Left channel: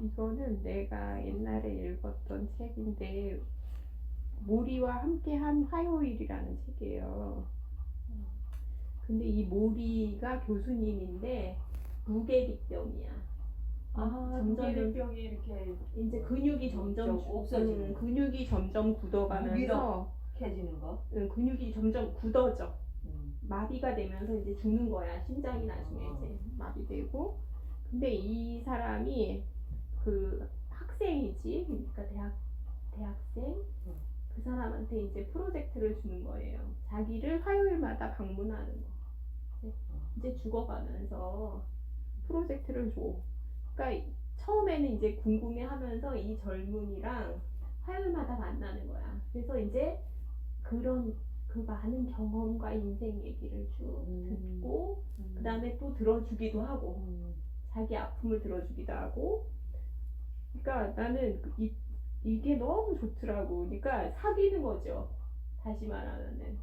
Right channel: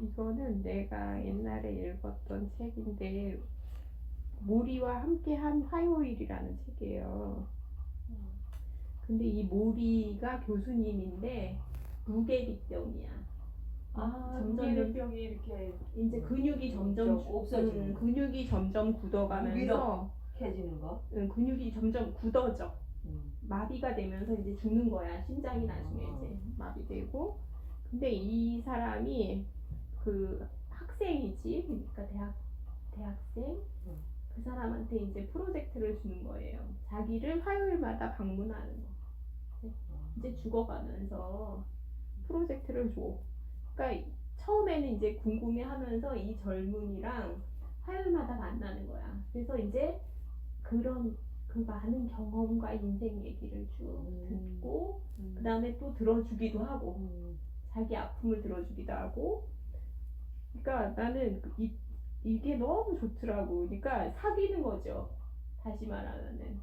이거는 내가 옛날에 읽었던 책인데 모리와 함께한 화요일이라는 책이에요. 근데 이 모리가 교수님인데 무게비병이야. 아, 점점 무게병이 이렇게 이제 근육이 점점 좀 없어지는 음, 근육이 점점 굳어가면서. 캐지는 거. 음, 근육이 점점 굳어져. 음. 마비가 되면서 이제 죽는 거야. 심장이 나중에 이제 마비되고. 근데 이 사람이 그 학생이지. 그러니까 대학 대학생. 음. 그 사람한테 이제 프로젝트를 주는 거예요. 자기를 화요일마다 방문하는 거. 이제- 이제 죽어가면서 프로젝트를 줘. 그러니까 처음에는 이제 궁금해하면서 이 젊은이랑 화요일마다 만나는 거야. 그래서 이제 그런 그 많은 경험과 인생 얘기를 쭉 음. 듣고 음. 그 다음에 또 들어주기도 하고 음. 자기 아픔을 들어주기도 하고 그러니까 나는 그 이, 이게 너무 좋더라고. 그러니까 사귀는 거죠. 다시 말하면은.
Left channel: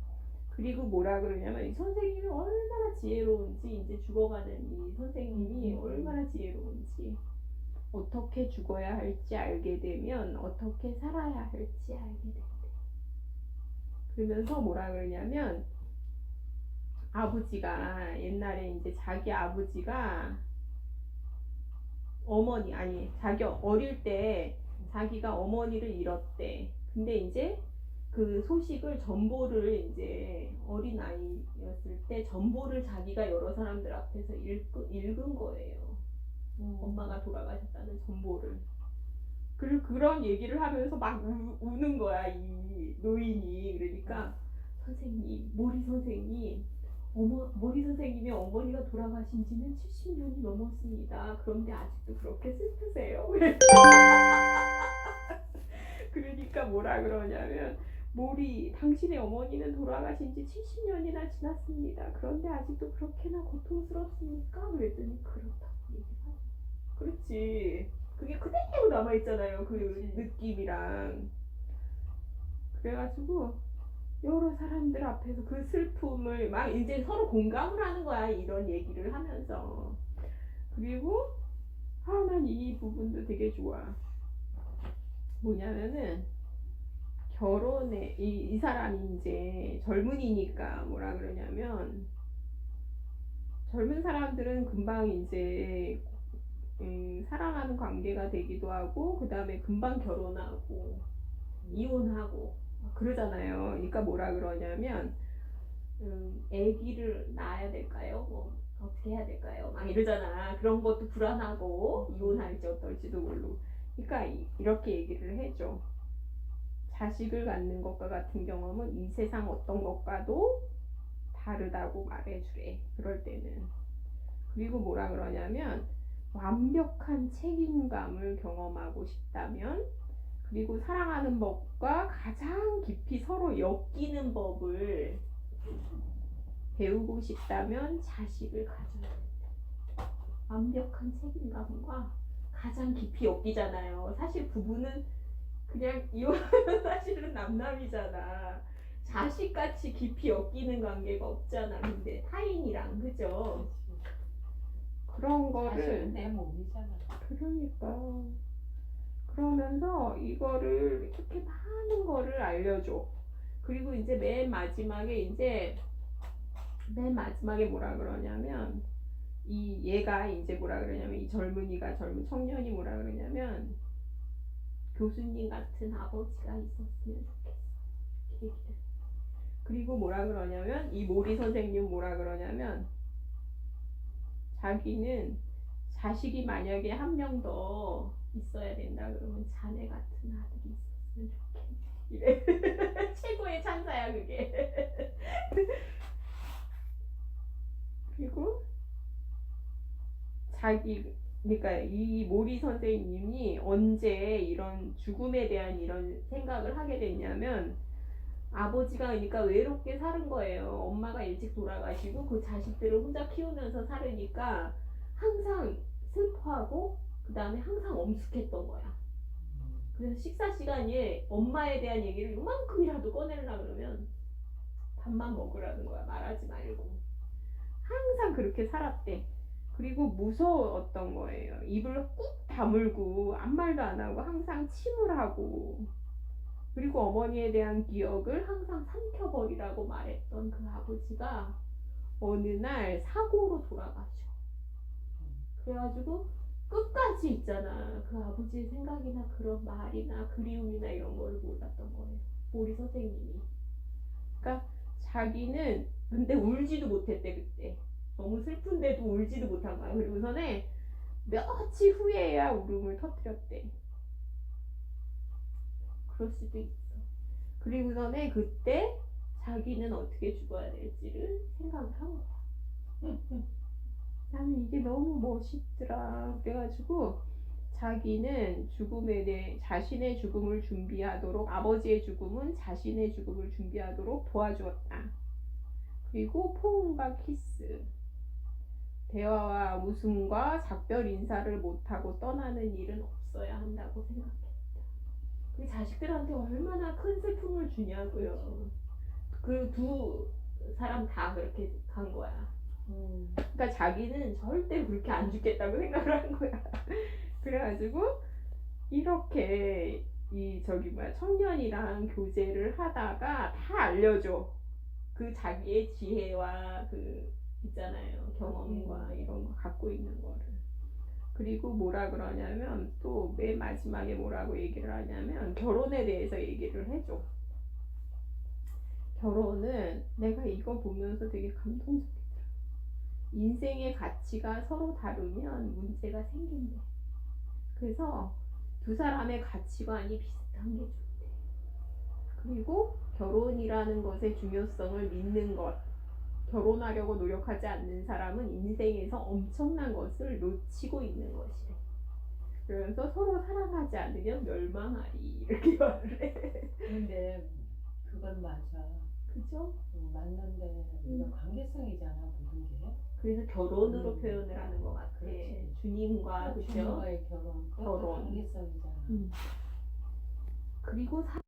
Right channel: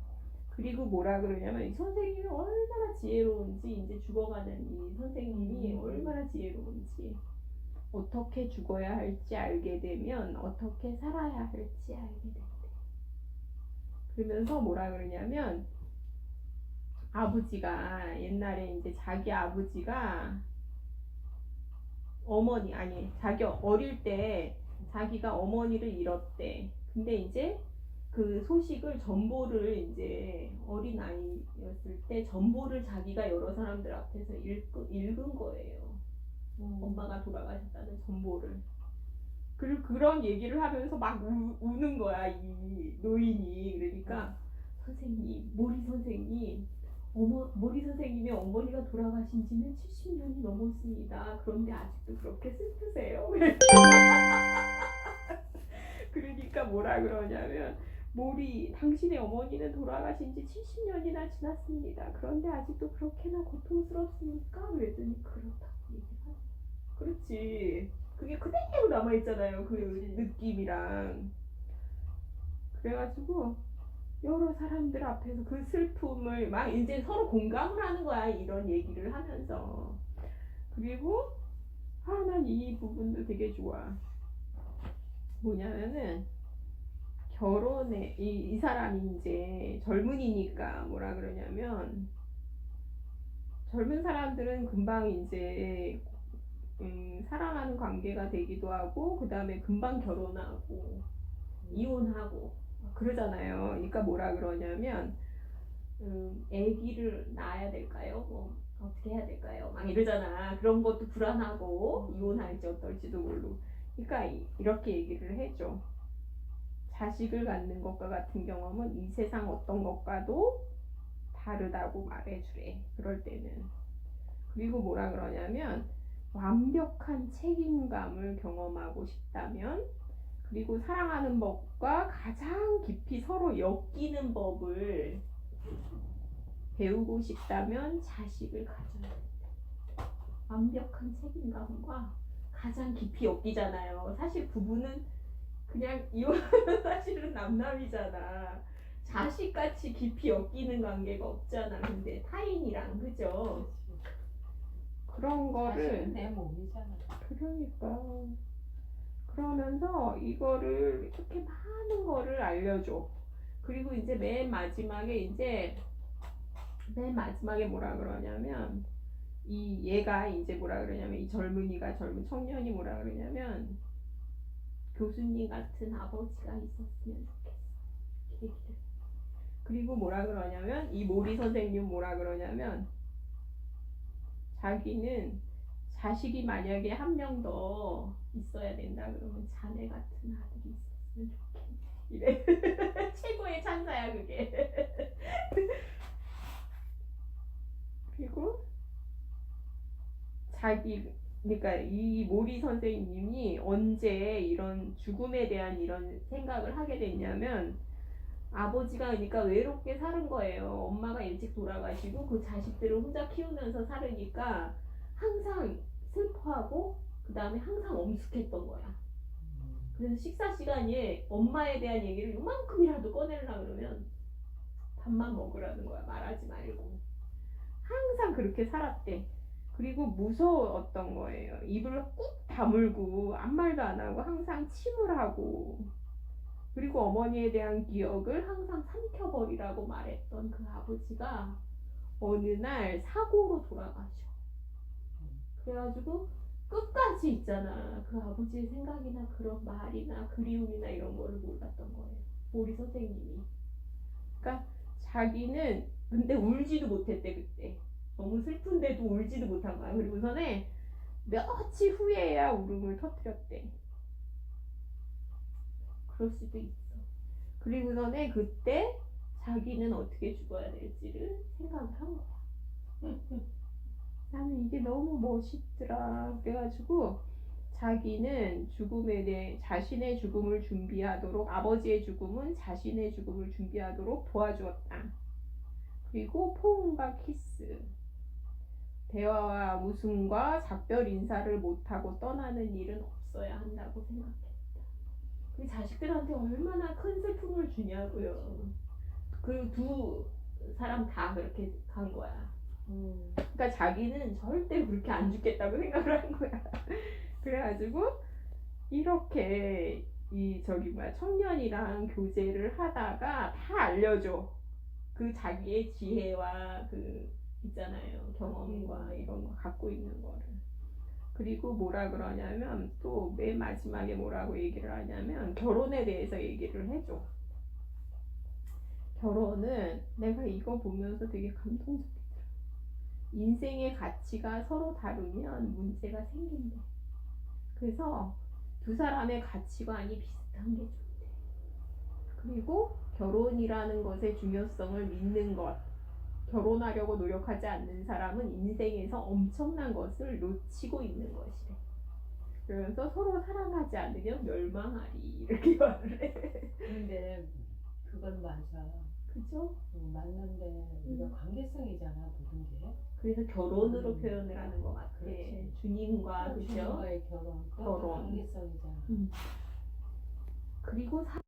그리고 뭐라 그러냐면 이 선생님이 얼마나 지혜로운지 이제 죽어가는 이 선생님이 음. 얼마나 지혜로운지. 어떻게 죽어야 할지 알게 되면 어떻게 살아야 할지 알게 된대 그러면서 뭐라 그러냐면 아버지가 옛날에 이제 자기 아버지가 어머니 아니 자기 어릴 때 자기가 어머니를 잃었대. 근데 이제 그 소식을 전보를 이제 어린 아이였을 때 전보를 자기가 여러 사람들 앞에서 읽, 읽은 거예요. 음. 엄마가 돌아가셨다는 정보를. 그리고 그런 얘기를 하면서 막 우, 우는 거야 이 노인이 그러니까 선생님 모리 선생님 어머 모리 선생님의 어머니가 돌아가신 지는 70년이 넘었습니다. 그런데 아직도 그렇게 슬프세요. 그러니까 뭐라 그러냐면 모리 당신의 어머니는 돌아가신 지 70년이나 지났습니다. 그런데 아직도 그렇게나 고통스럽습니까? 그랬더니 그렇다고 얘기하죠. 그렇지. 그게 그대로 남아있잖아요. 그 느낌이랑. 그래가지고, 여러 사람들 앞에서 그 슬픔을 막 이제 서로 공감을 하는 거야. 이런 얘기를 하면서. 그리고, 아, 난이 부분도 되게 좋아. 뭐냐면은, 결혼에, 이, 이 사람이 이제 젊은이니까 뭐라 그러냐면, 젊은 사람들은 금방 이제 음, 사랑하는 관계가 되기도 하고 그 다음에 금방 결혼하고 이혼하고 막 그러잖아요. 그러니까 뭐라 그러냐면 음, 아기를 낳아야 될까요? 뭐 어떻게 해야 될까요? 막 이러잖아. 그런 것도 불안하고 이혼할지 어떨지도 모르고. 그러니까 이- 이렇게 얘기를 해줘. 자식을 갖는 것과 같은 경험은 이 세상 어떤 것과도 다르다고 말해주래. 그럴 때는. 그리고 뭐라 그러냐면 완벽한 책임감을 경험하고 싶다면 그리고 사랑하는 법과 가장 깊이 서로 엮이는 법을 배우고 싶다면 자식을 가져야 된다. 완벽한 책임감과 가장 깊이 엮이잖아요. 사실 부부는 그냥 이혼하면 사실은 남남이잖아. 자식같이 깊이 엮이는 관계가 없잖아. 근데 타인이랑 그죠? 그런 거를 사실은 내 몸이잖아. 그러니까 그러면서 이거를 이렇게 많은 거를 알려줘. 그리고 이제 맨 마지막에 이제 맨 마지막에 뭐라 그러냐면 이 얘가 이제 뭐라 그러냐면 이 젊은이가 젊은 청년이 뭐라 그러냐면 교수님 같은 아버지가 있었으면 좋겠어. 그리고 뭐라 그러냐면 이 모리 선생님 뭐라 그러냐면 자기는 자식이 만약에 한 명 더 있어야 된다 그러면 자네 같은 아들이 있었으면 좋겠네. 이래. 최고의 찬사야 그게. 그리고 자기 그러니까 이 모리 선생님이 언제 이런 죽음에 대한 이런 생각을 하게 됐냐면 아버지가 그러니까 외롭게 사는 거예요. 엄마가 일찍 돌아가시고 그 자식들을 혼자 키우면서 살으니까 항상 슬퍼하고 그 다음에 항상 엄숙했던 거야. 그래서 식사 시간에 엄마에 대한 얘기를 요만큼이라도 꺼내려 그러면 밥만 먹으라는 거야. 말하지 말고. 항상 그렇게 살았대. 그리고 무서웠던 거예요. 입을 꾹 다물고 아무 말도 안 하고 항상 침을 하고 그리고 어머니에 대한 기억을 항상 삼켜버리라고 말했던 그 아버지가 어느 날 사고로 돌아가셔. 그래가지고 끝까지 있잖아. 그 아버지의 생각이나 그런 말이나 그리움이나 이런 거를 몰랐던 거예요. 모리 선생님이. 그러니까 자기는 근데 울지도 못했대 그때. 너무 슬픈데도 울지도 못한 거야. 그리고서는 며칠 후에야 울음을 터뜨렸대. 그럴 수도 있어. 그리고서는 그때 자기는 어떻게 죽어야 될지를 생각을 한 거야. 나는 이게 너무 멋있더라. 그래가지고 자기는 죽음에 대해 자신의 죽음을 준비하도록 아버지의 죽음은 자신의 죽음을 준비하도록 도와주었다. 그리고 포옹과 키스, 대화와 웃음과 작별 인사를 못하고 떠나는 일은 없어야 한다고 생각했다. 그 자식들한테 얼마나 큰 슬픔을 주냐고요. 그 두 사람 다 그렇게 간 거야. 음. 그러니까 자기는 절대 그렇게 안 죽겠다고 생각을 한 거야. 그래가지고 이렇게 이 저기 뭐야 청년이랑 교제를 하다가 다 알려줘. 그 자기의 지혜와 그 있잖아요 경험과 이런 거 갖고 있는 거를. 그리고 뭐라 그러냐면 또 맨 마지막에 뭐라고 얘기를 하냐면 결혼에 대해서 얘기를 해줘. 결혼은 내가 이거 보면서 되게 감동적이더라. 인생의 가치가 서로 다르면 문제가 생긴대. 그래서 두 사람의 가치관이 비슷한 게 좋대. 그리고 결혼이라는 것의 중요성을 믿는 것. 결혼하려고 노력하지 않는 사람은 인생에서 엄청난 것을 놓치고 있는 것이래. 그래서 서로 사랑하지 않으면 멸망하리. 이렇게 말을 해. 근데 그건 맞아. 그죠? 음, 맞는데 우리가 관계성이잖아 모든 게. 그래서 결혼으로 음. 표현을 하는 것 같아. 그렇지. 주님과, 그죠? 주님과의 결혼. 결혼. 관계성이잖아. 음. 그리고 사